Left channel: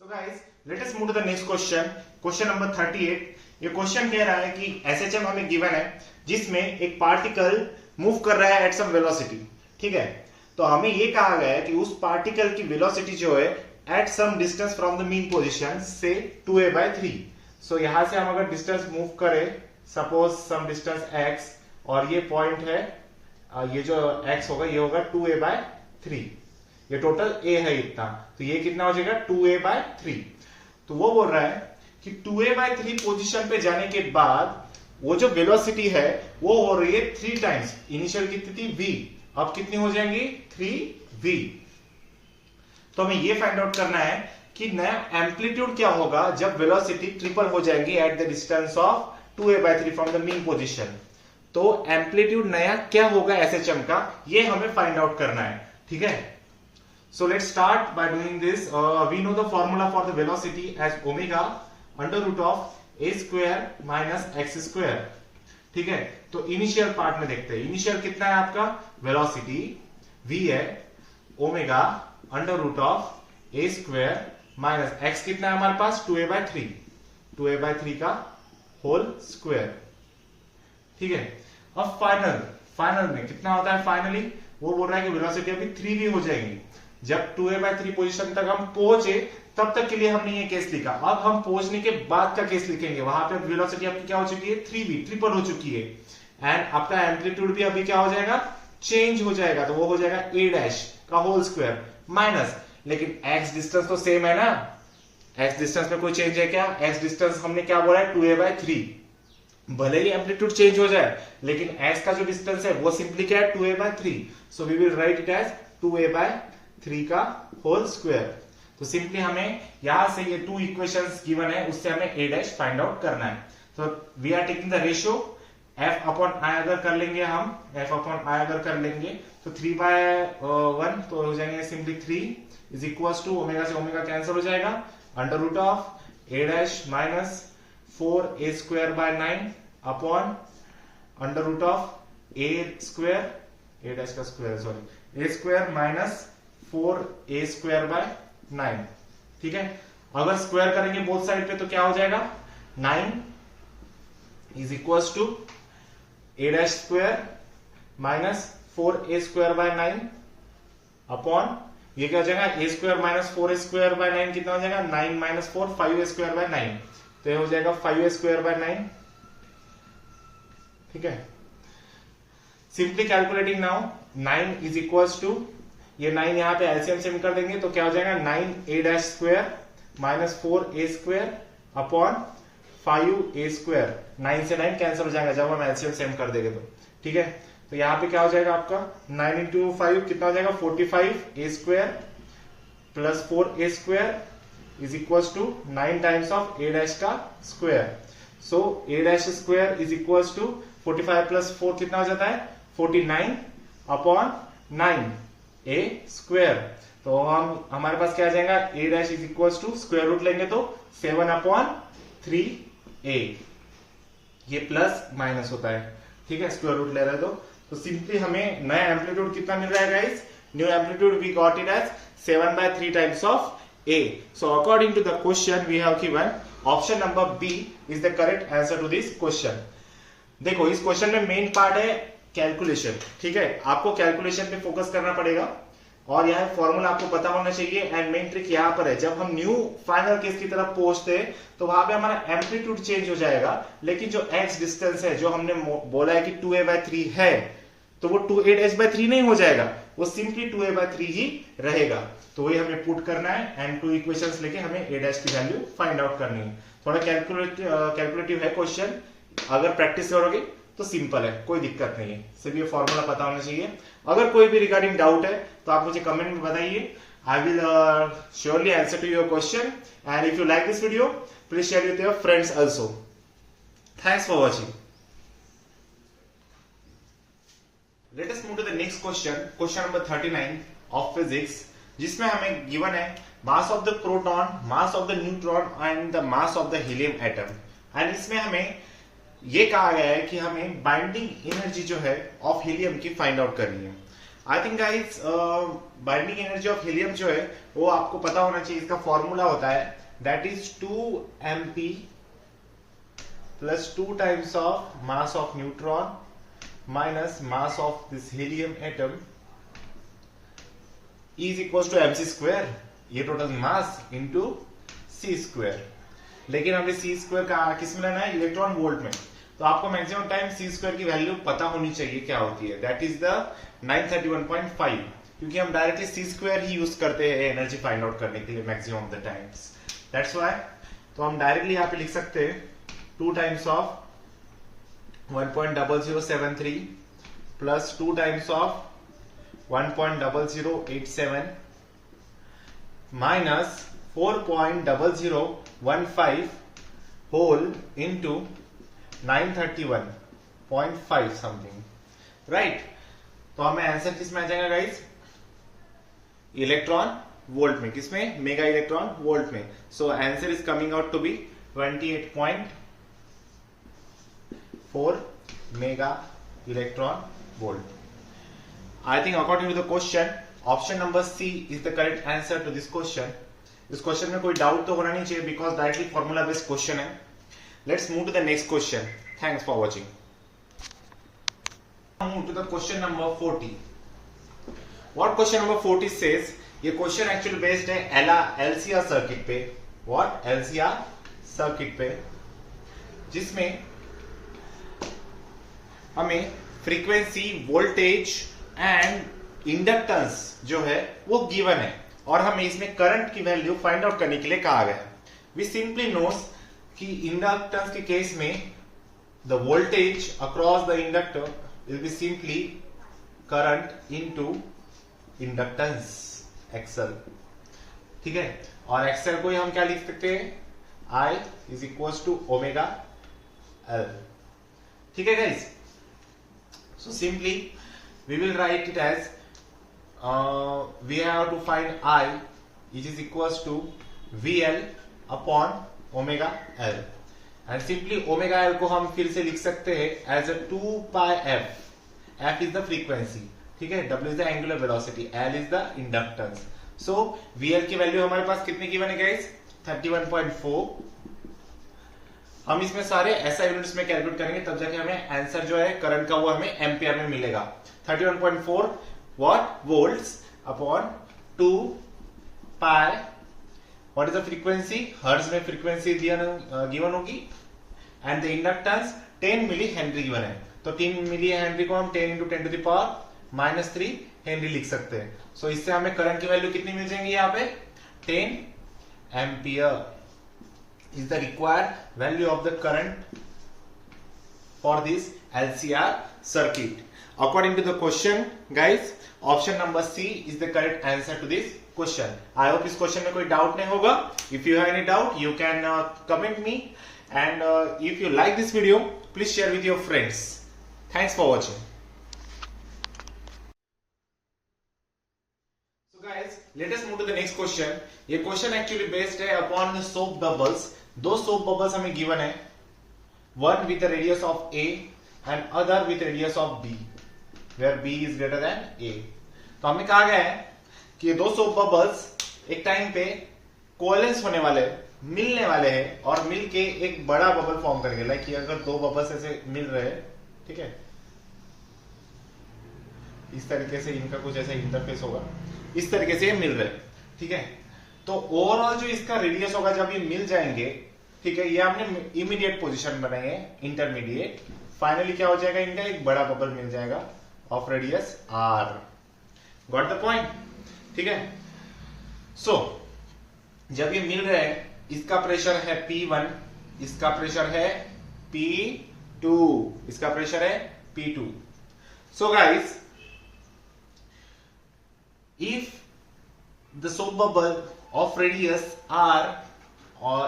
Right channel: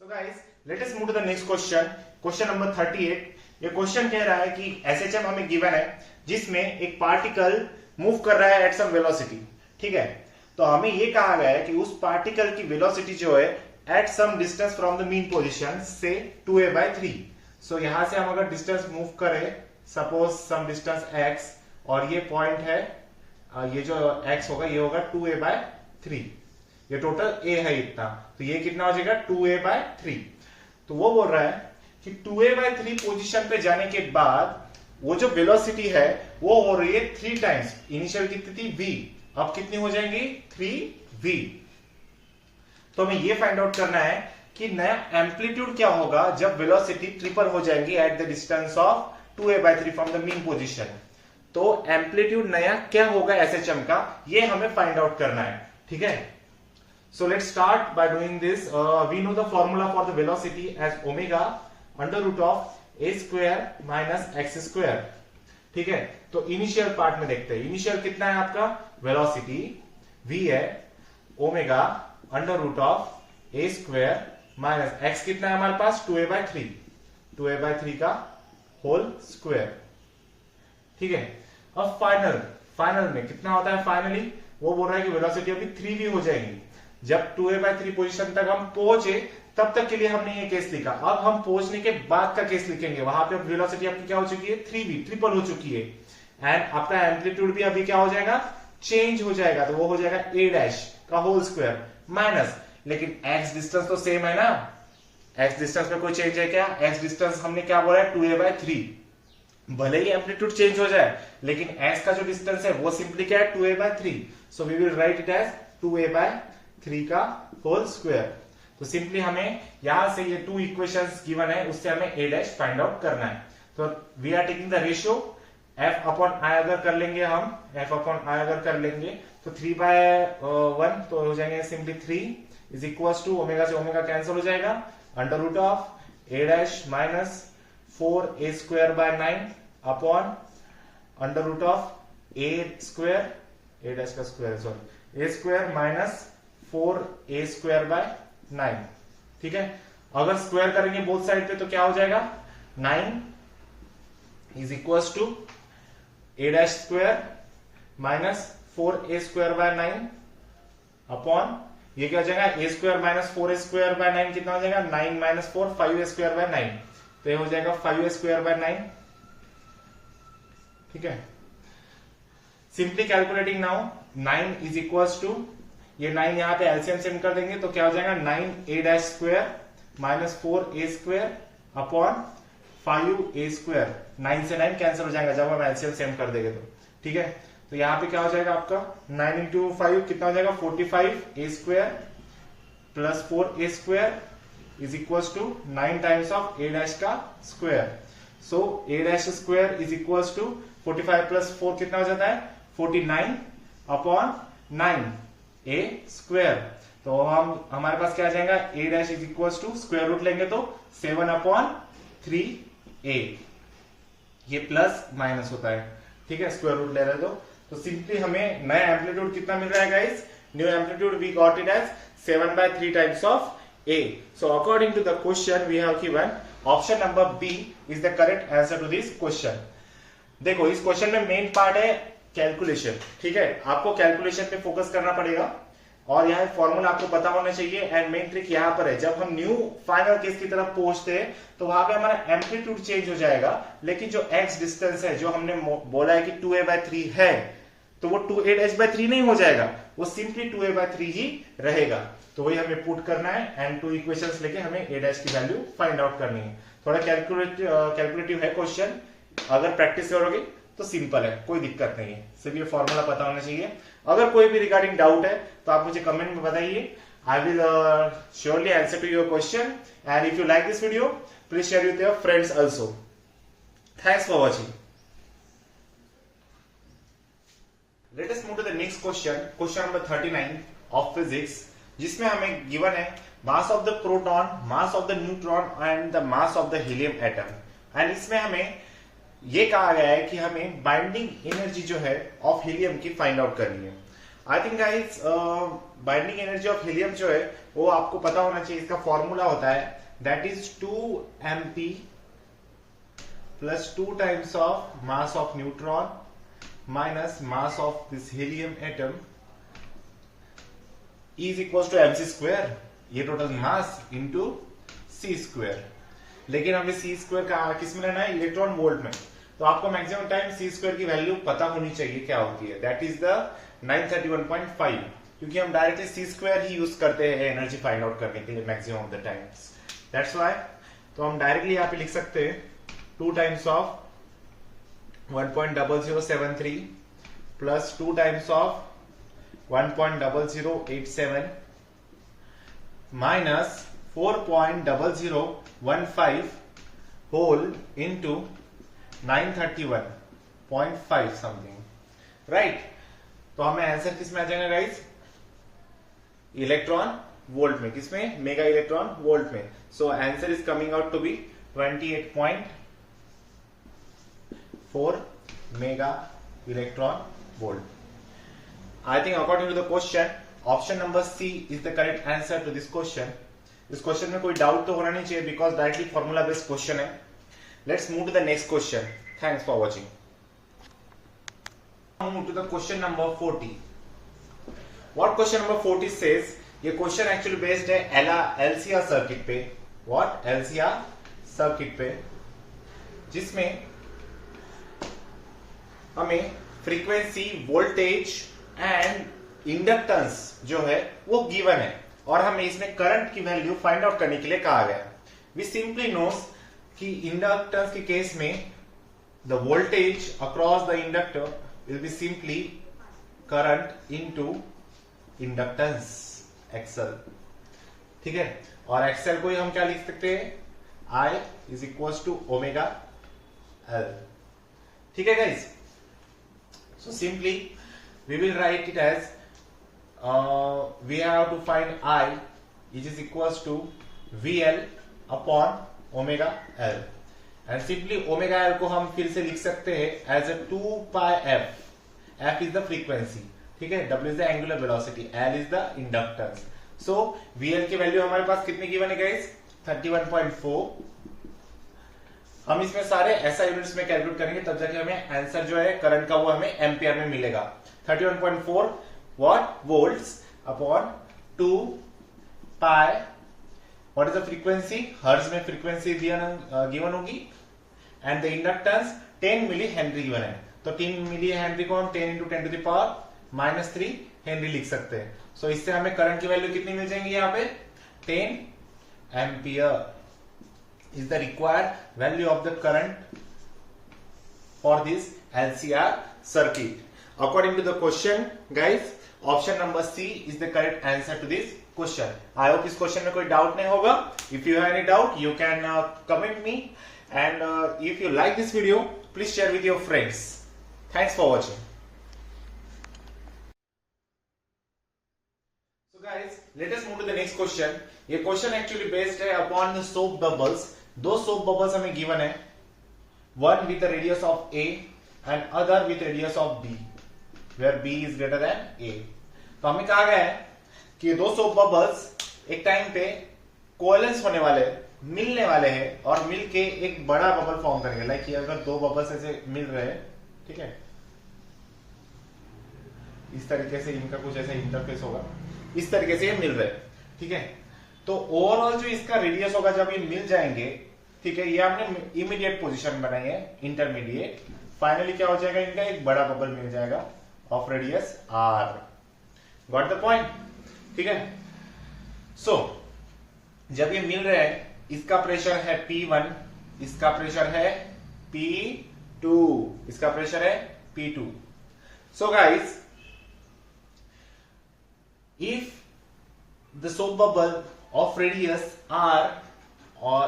So guys, let us move to the next question. Question number 38. ये question कह रहा है कि एसएचएम हमें गिवन है जिसमें एक पार्टिकल मूव कर रहा है एट सम वेलोसिटी। ठीक है, तो हमें ये कहा गया है कि उस पार्टिकल की वेलोसिटी जो है at some distance from the mean position से 2a/3। सो यहां से हम अगर डिस्टेंस मूव करें, सपोज सम डिस्टेंस x, और ये पॉइंट है, ये जो x होगा ये होगा 2a/3। ये टोटल a है इतना, तो ये कितना हो जाएगा 2a/3। तो वो बोल रहा है कि 2a/3 पोजीशन पे जाने के बाद वो जो वेलोसिटी है वो हो रही है 3 टाइम्स। इनिशियल कितनी थी v, अब कितनी हो जाएंगी 3v। तो हमें ये फाइंड आउट करना है कि नया एम्पलीट्यूड क्या होगा जब वेलोसिटी ट्रिपल हो जाएंगी at the distance of 2a/3 from the mean position. तो एम्पलीट्यूड नया क्या होगा एसएचएम का, ये हमें फाइंड आउट करना है। ठीक है, so let's start by doing this. We know the formula for the velocity as omega under root of a square minus x square. ठीक है, तो इनिशियल पार्ट में देखते हैं। इनिशियल कितना है आपका, वेलोसिटी v है, omega under root of a square minus x कितना है हमारे पास 2a/3 का होल स्क्वायर। ठीक है, अब फाइनल में कितना होता है, फाइनली वो बोल रहा है कि वेलोसिटी अभी 3v हो जाएगी। जब 2a/3 पोजीशन तक हम पहुंचे तब तक के लिए हमने ये केस लिखा। अब हम पहुंचने के बाद का केस लिखेंगे, वहां पे वेलोसिटी आपकी क्या हो चुकी है 3v, ट्रिपल हो चुकी है, एंड आपका एम्पलीट्यूड भी अभी क्या हो जाएगा, चेंज हो जाएगा। तो वो हो जाएगा a' का होल स्क्वायर माइनस, लेकिन x डिस्टेंस तो सेम है ना, x डिस्टेंस में कोई चेंज है क्या, x डिस्टेंस हमने क्या बोला है 2a/3। भले ही एम्पलीट्यूड चेंज हो जाए लेकिन x का जो डिस्टेंस है वो सिंपली क्या है 2a/3। So we will write it as 2a/3 का होल स्क्वायर। तो सिंपली हमें यहां से ये 2 इक्वेशंस गिवन है, उससे हमें a' फाइंड आउट करना है। तो we are taking the ratio f/i अगर कर लेंगे हम, f/i अगर कर लेंगे तो 3/1 तो हो जाएंगे simply 3 is equal to omega से ओमेगा कैंसिल हो जाएगा, under root of a' minus 4a²/9 upon under root of a² का square sorry a² minus 4a²/9। ठीक है, अगर स्क्वायर करेंगे बोथ साइड पे तो क्या हो जाएगा 9 is equal to a² minus 4a²/9 upon ये क्या हो जाएगा a² माइनस 4a²/9 कितना हो जाएगा 9 माइनस 4 5a²/9, तो ये हो जाएगा 5a²/9। ठीक है, simply calculating now 9 is equal to, ये 9 यहां पे एलसीएम से निकाल देंगे तो क्या हो जाएगा 9a² minus 4a² upon 5a²। 9 से 9 कैंसिल हो जाएगा जब हम एलसीएम सेम कर देंगे तो। ठीक है, तो यहां पे क्या हो जाएगा आपका 9 इंटू 5 कितना हो जाएगा 45a² plus 4a² is equal to 9 times of a' का square. So a' is equal to 45 plus 4 कितना हो जाता है 49 अपॉन 9a²। तो हम हमारे पास क्या आ जाएगा a' is equal to square root लेंगे तो 7/3a, ये प्लस माइनस होता है। ठीक है, स्क्वायर रूट ले रहे तो सिंपली हमें नया एम्पलीट्यूड कितना मिल रहा है guys, new amplitude we got it as 7/3 times of a. So according to the question we have given option number B is the correct answer to this question. देखो इस क्वेश्चन में main part है calculation. ठीक है, आपको calculation पे focus करना पड़ेगा और यहाँ फॉर्मूला आपको पता होना चाहिए। एंड मेन ट्रिक यहाँ पर है, जब हम न्यू फाइनल केस की तरफ पहुंचते हैं तो वहां पे हमारा एम्पलीट्यूड चेंज हो जाएगा, लेकिन जो x डिस्टेंस है जो हमने बोला है कि 2a/3 है तो वो 2a'/3 नहीं हो जाएगा, वो सिंपली 2a/3 ही रहेगा। तो वही हमें पुट करना है एंड 2 इक्वेशंस लेके हमें a' की वैल्यू फाइंड आउट करनी है। थोड़ा कैलकुलेटिव है क्वेश्चन, अगर प्रैक्टिस करोगे तो सिंपल है, कोई दिक्कत नहीं है। सिर्फ ये फॉर्मूला पता होना चाहिए। अगर कोई भी रिगार्डिंग डाउट है तो आप मुझे कमेंट में बताइए, I will surely answer to your question. And if you like this video please share with your friends also. Thanks for watching. Let us move to the next question, question number 39 of physics, जिसमें हमें given है mass of the proton, mass of the neutron and the mass of the helium atom. And इसमें हमें ये कहा गया है कि हमें बाइंडिंग एनर्जी जो है ऑफ हीलियम की फाइंड आउट करनी है। I think guys binding energy of helium जो है वो आपको पता होना चाहिए। इसका फॉर्मूला होता है that is 2 mp plus 2 times of mass of neutron minus mass of this helium atom is equal to mc square, ये total mass into c square. लेकिन हमें c स्क्वायर का किस में लेना है, इलेक्ट्रॉन वोल्ट में। तो आपको मैक्सिमम टाइम c स्क्वायर की वैल्यू पता होनी चाहिए क्या होती है, दैट इज द 931.5, क्योंकि हम डायरेक्टली c स्क्वायर ही यूज करते हैं एनर्जी फाइंड आउट करने के लिए maximum of the times, that's why. तो हम डायरेक्टली यहाँ पे लिख सकते हैं 2 times of 1.0073 plus 2 times of 1.0087 minus 4.0015 whole into 931.5 something, right. तो हमें आंसर किस में आ जाएगा गाइस, इलेक्ट्रॉन वोल्ट में, किसमें, मेगा इलेक्ट्रॉन वोल्ट में। So answer is coming out to be 28.4 mega electron volt. I think according to the question, option number C is the correct answer to this question. इस question में कोई doubt तो होना नहीं चाहिए because directly formula based question है। Let's move to the next question. Thanks for watching. Move to the question number 40. What question number 40 says? ये question actually based है LCR सर्किट पे। What? LCR सर्किट पे, जिसमें हमें frequency, voltage and inductance जो है वो गिवन है और हमें इसमें करंट की वैल्यू फाइंड आउट करने के लिए कहा गया। वी सिंपली नोस कि इंडक्टेंस के केस में the voltage across the inductor will be simply current into inductance XL, ठीक है। और एक्सएल को ही हम क्या लिख सकते हैं, I is equal to omega L, ठीक है guys. So simply we will write it as we have to find I which is equals to VL upon omega L, and simply omega L को हम फिर से लिख सकते हैं as a 2 pi f। f is the frequency, ठीक है, W is the angular velocity, L is the inductance। so VL की वैल्यू हमारे पास कितनी गिवन है गाइस, 31.4। हम इसमें सारे SI यूनिट्स में कैलकुलेट करेंगे तब जाके हमें आंसर जो है करंट का वो हमें एम्पियर में मिलेगा। 31.4 watt volts upon 2 pi, what is the frequency, hertz में फ्रीक्वेंसी गिवन होगी, and the inductance 10 milli henry given है। तो 10 मिली हेनरी को हम 10 into 10 to the power -3 henry लिख सकते हैं। सो इससे हमें करंट की वैल्यू कितनी मिल जाएंगी, यहाँ पे 10 ampere is the required value of the current for this LCR circuit. According to the question, guys, option number C is the correct answer to this question. I hope इस question में कोई doubt नहीं होगा. If you have any doubt, you can comment me. And if you like this video, please share with your friends. Thanks for watching. So guys, let us move to the next question. ये question actually based है upon the soap bubbles. दो soap bubbles हमें given है, one with the radius of A and other with radius of B, where B is greater than A. तो हमें कहा गया है कि ये दो सोप बबल्स एक टाइम पे कोएलेंस होने वाले, मिलने वाले हैं और मिलके एक बड़ा बबल फॉर्म करेंगे। लाइक ये अगर दो बबल्स ऐसे मिल रहे हैं, ठीक है, इस तरीके से इनका कुछ ऐसा इंटरफेस होगा, इस तरीके से ये मिल रहे हैं, ठीक है। तो ओवरऑल जो इसका रेडियस होगा जब ये मिल जाएंगे, ठीक है, ये हमने इमीडिएट पोजीशन बनाई है, इंटरमीडिएट। फाइनली क्या हो जाएगा, इनका एक बड़ा बबल मिल जाएगा of radius R. Got the point, ठीक है। सो जब ये मिल रहे हैं, इसका प्रेशर है P1, इसका प्रेशर है P2, इसका प्रेशर है P2। So guys, if the soap bubble of radius r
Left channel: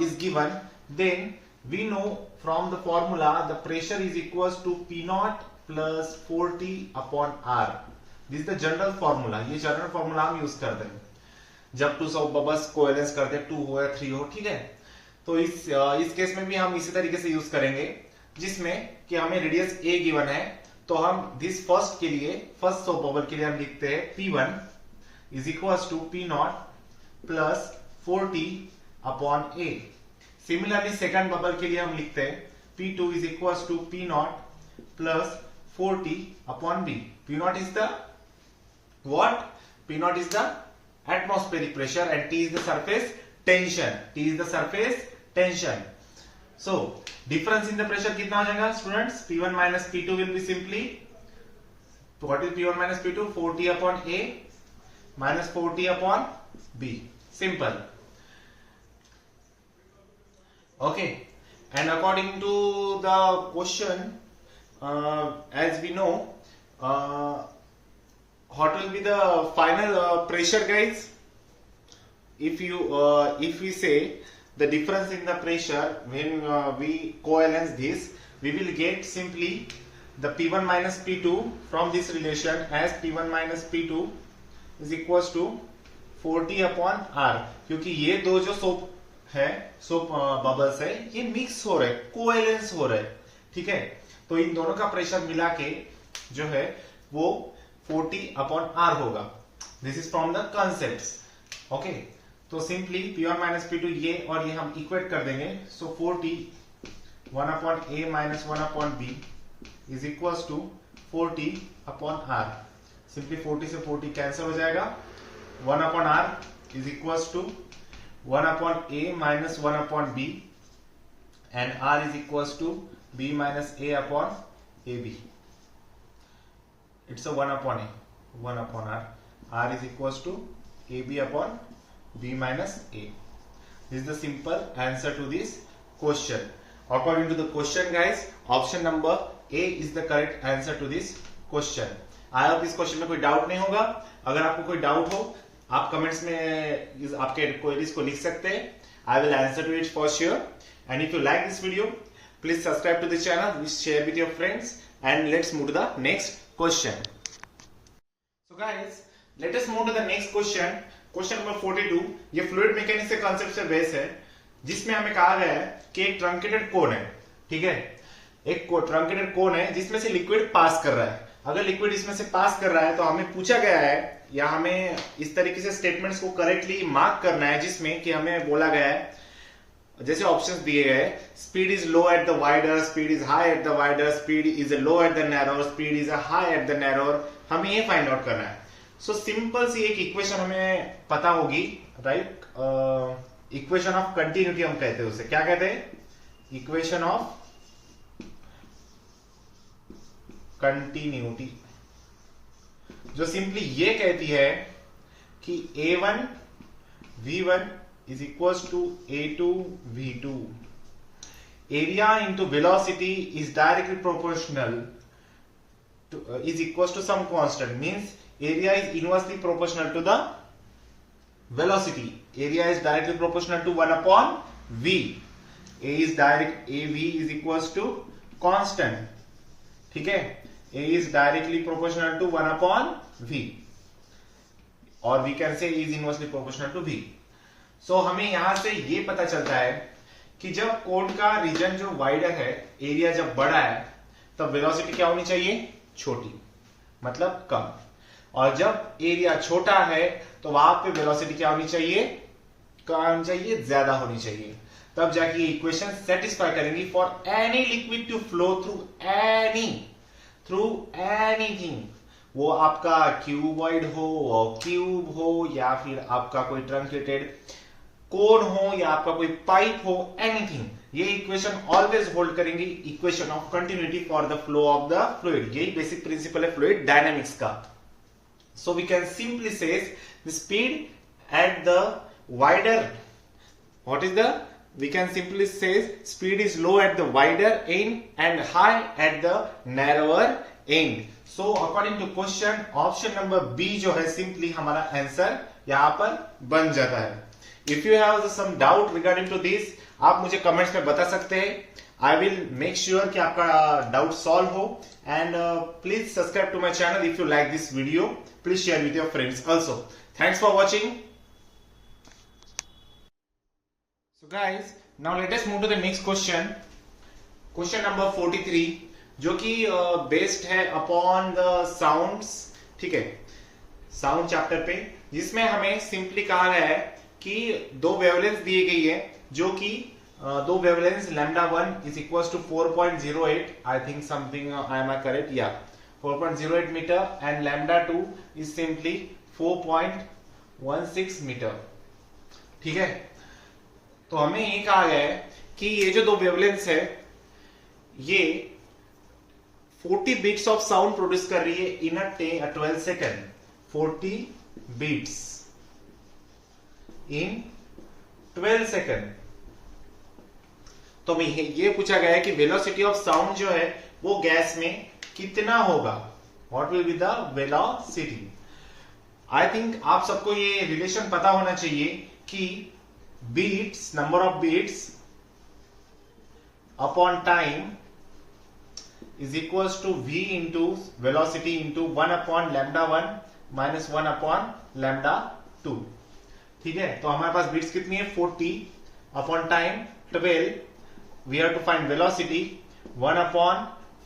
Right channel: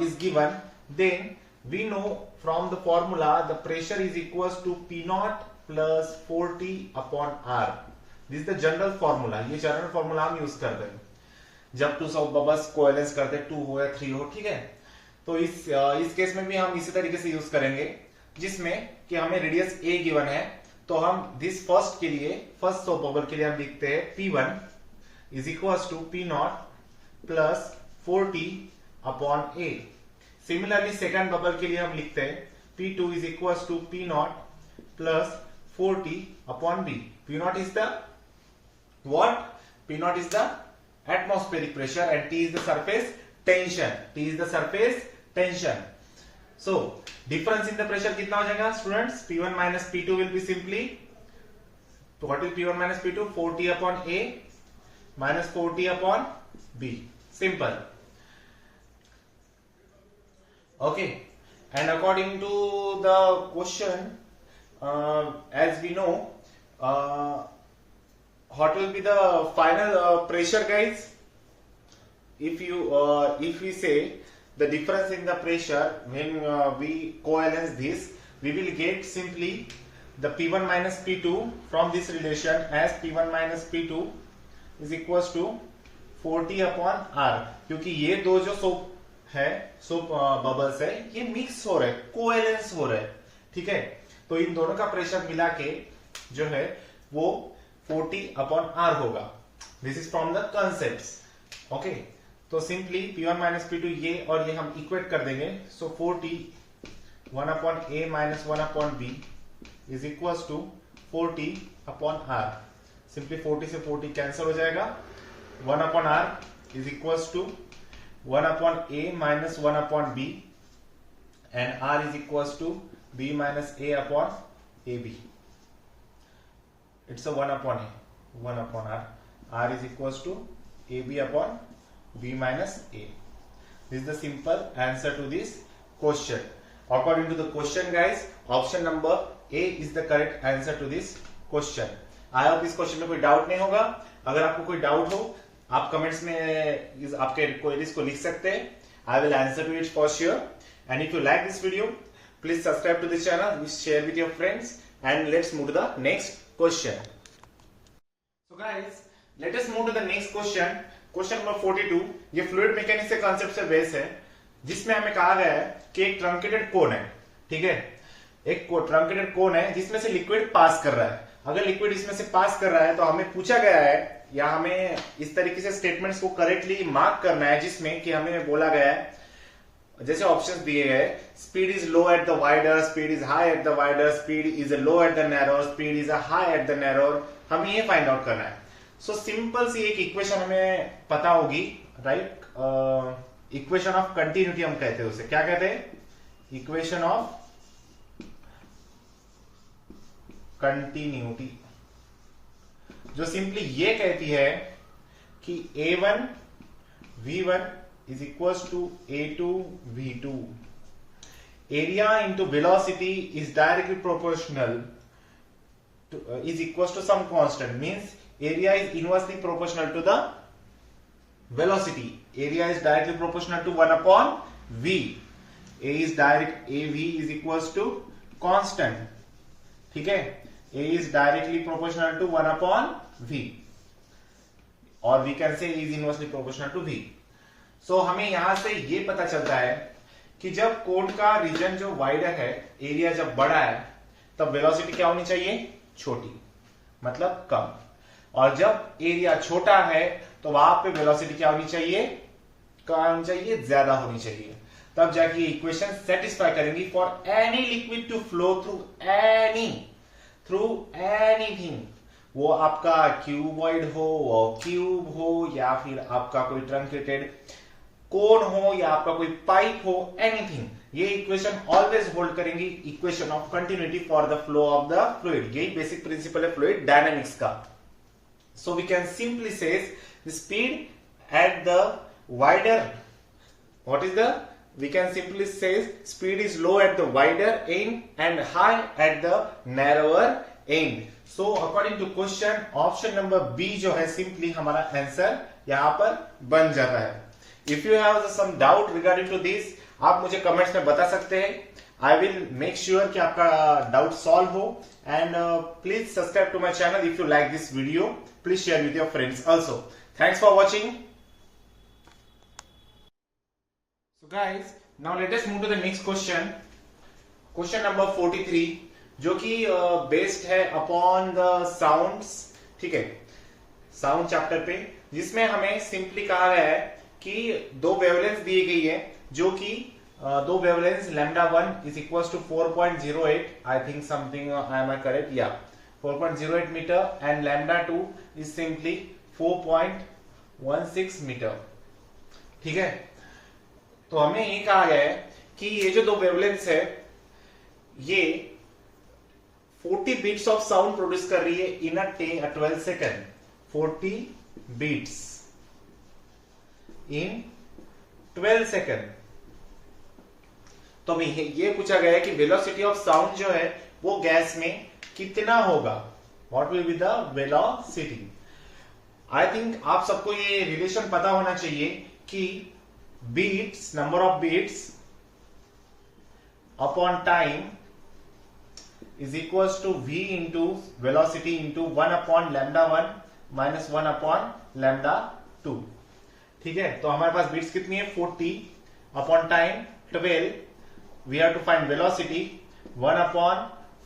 is given, then we know from the formula the pressure is equals to P naught plus 4T upon R. This is the general formula. ये general formula हम use करते हैं जब to soap bubbles कोएलेंस करते हैं, 2 हो या 3 हो, ठीक है। तो इस केस में भी हम इसी तरीके से यूज करेंगे, जिसमें कि हमें रेडियस a गिवन है। तो हम दिस फर्स्ट के लिए, फर्स्ट सोप बबल के लिए हम लिखते हैं P1, is equal to P naught plus 4t upon A. Similarly second bubble के लिए हम लिखते हैं P2 is equals to P naught plus 4t upon B. P naught is the what? P naught is the atmospheric pressure and T is the surface tension. T is the surface tension. So difference in the pressure कितना हो जाएगा students? P1 minus P2 will be simply, what is P1 minus P2? 4t upon A minus 4t upon B. Simple. Okay. And according to the question, as we know, what will be the final pressure, guys? If we say the difference in the pressure when we coalesce this, we will get simply the P1 minus P2 from this relation as P1 minus P2 is equals to 4t upon R. क्योंकि ये दो जो soap है, soap bubbles है, ये mix हो रहे, कोएलेंस हो रहे, ठीक है। तो इन दोनों का प्रेशर मिला के जो है वो 40 अपॉन आर होगा। This is from the concepts. Okay, तो सिंपली P1 माइनस P2 ये और ये हम इक्वेट कर देंगे। So 40 1 upon A minus 1 upon B is equal to 40 upon R. Simply 40 से 40 कैंसिल हो जाएगा। 1 upon R is equal to 1 upon A minus 1 upon B and R is equals to B minus A upon AB. It's a 1 upon A, 1 upon R. R is equals to AB upon B minus A. This is the simple answer to this question. According to the question, guys, option number A is the correct answer to this question. I hope इस question में कोई doubt नहीं होगा। अगर आपको कोई doubt हो आप कमेंट्स में आपके क्वेरीज को लिख सकते हैं। I will answer to it for sure. And if you like this video please subscribe to this channel, please share with your friends and let's move to the next question. So guys, let us move to the next question. Question number 42 ये fluid mechanics के concept से base है, जिसमें हमें कहा गया है कि एक ट्रंकेटेड कोन है, ठीक है। एक ट्रंकेटेड कोन है जिसमें से लिक्विड पास कर रहा है। अगर लिक्विड इसमें से पास कर रहा है तो हमें पूछा गया है या हमें इस तरीके से स्टेटमेंट्स को करेक्टली मार्क करना है, जिसमें कि हमें बोला गया है, जैसे ऑप्शंस दिए गए, speed is low at the wider, speed is high at the wider, speed is low at the narrow, speed is high at the narrow. हमें ये फाइंड आउट करना है। सो सिंपल सी एक इक्वेशन हमें पता होगी, राइट? इक्वेशन ऑफ कंटिन्यूटी हम कहते हैं उसे। क्या कहते हैं? इक्वेशन ऑफ कंटिन्यूटी, जो सिंपली ये कहती है कि A1 V1 is equals to A2 V2. Area into velocity is directly proportional to, is equals to some constant, means area is inversely proportional to the velocity. Area is directly proportional to 1 upon V. AV is equals to constant, ठीक है। A is directly proportional to 1 upon V, or we can say is inversely proportional to V. So हमें यहां से ये पता चलता है कि जब कोड का रीजन जो वाइडर है, एरिया जब बड़ा है, तब वेलोसिटी क्या होनी चाहिए? छोटी, मतलब कम। और जब एरिया छोटा है तो वहां पे वेलोसिटी क्या होनी चाहिए? कम होनी चाहिए, ज्यादा होनी चाहिए। तब जाके ये इक्वेशन सेटिस्फाई करेंगी for any liquid to flow through anything. वो आपका क्यूबॉइड हो, क्यूब हो, या फिर आपका कोई ट्रंकेटेड कोन हो, या आपका कोई पाइप हो, एनीथिंग। ये इक्वेशन ऑलवेज होल्ड करेंगी equation of continuity for the flow of the fluid. यही बेसिक प्रिंसिपल है फ्लूइड डायनामिक्स का। सो वी कैन सिंपली से the speed at the wider, what is the, we can simply say speed is low at the wider end and high at the narrower end. So according to question, option number B जो है simply हमारा answer यहां पर बन जाता है। If you have some doubt regarding to this, आप मुझे कमेंट्स में बता सकते हैं। I will make sure कि आपका डाउट सॉल्व हो। And please subscribe to my channel if you like this video. Please share with your friends also. Thanks for watching. So guys, now let us move to the next question. Question number 43, जो कि based है upon the sounds, ठीक है। Sound chapter पे, जिसमें हमें simply कहा गया है कि दो वेवलेंथ दी गई है, जो कि दो wavelength λ1 is equal to 4.08, I think something I am correct, या 4.08 metre, and λ2 is simply 4.16 metre. ठीक है, तो हमें ये कहा गया है कि ये जो दो वेवलेंथ है ये 40 बीट्स ऑफ साउंड प्रोड्यूस कर रही है इन अ 12 सेकेंड। 40 बीट्स इन 12 सेकेंड। तो ये पूछा गया है कि वेलोसिटी ऑफ साउंड जो है वो गैस में कितना होगा, what will be the velocity. I think आप सबको ये रिलेशन पता होना चाहिए कि beats, number of beats upon time is equals to v into velocity into 1 upon λ1 minus 1 upon λ2। ठीक है, तो हमारे पास बीट्स कितनी है 40 upon time 12, we have to find velocity 1 upon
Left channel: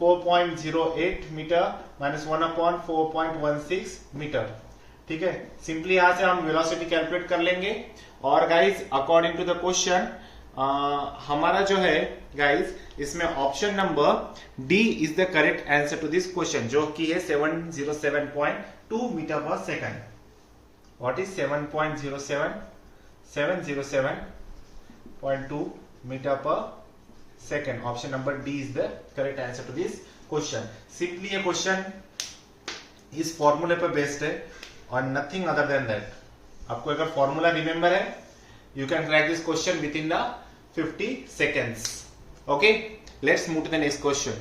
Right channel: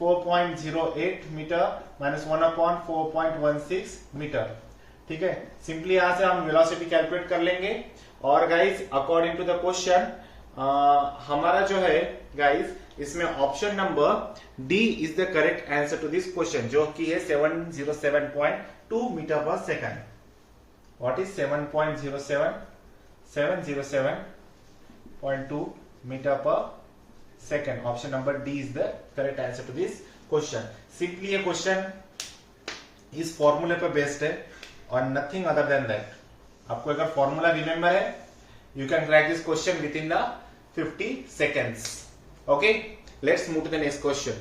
4.08 metre minus 1 upon 4.16 metre. ठीक है, सिंपली यहां से हम वेलोसिटी कैलकुलेट कर लेंगे। और guys according to the question हमारा जो है गाइज इसमें option number D is the correct answer to this question, जो कि है 707.2 metre per second. What is 7.07? 707.2 metre per second. Option number D is the correct answer to this question. Simply ये question इस फॉर्मूले पर based है और nothing other than that. आपको अगर फॉर्मूला रिमेंबर है, you can crack this question within the 50 seconds. Okay, let's move to the next question.